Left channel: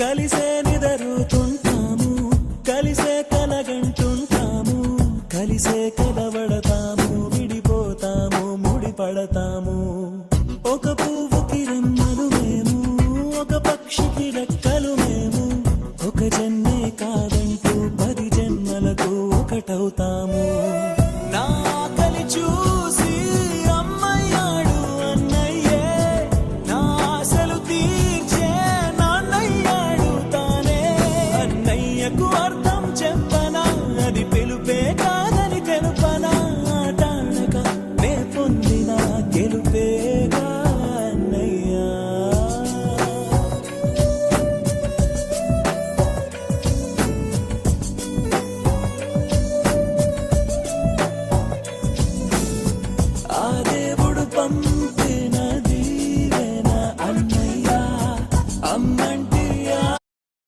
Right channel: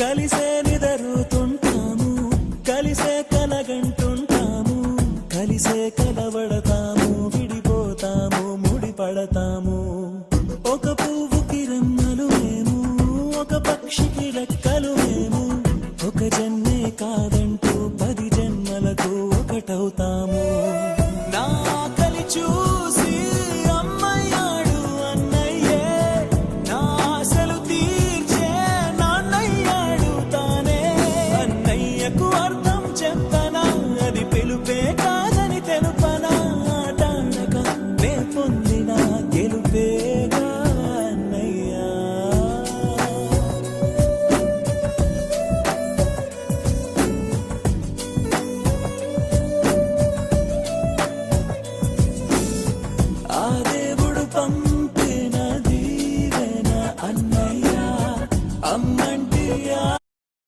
కలిసే నిదరుతుంటాము కలిసే కలగంటుంటాము కలిసే కలవడతాము విడిపోతాము ముడిపడతాము. ఒక పువ్వుకి రెమ్మలు మేము ఒక పక్షికి రెక్కలు మేము ఒక జన్మే కాదంటూ పది జన్మలకు ఒకటవుతాము. చెప్పనా? అది పిలుపే కాదని తెలుపనా? ఆటాడక నే పొందిన గెలుపేగా అమ్మంటియా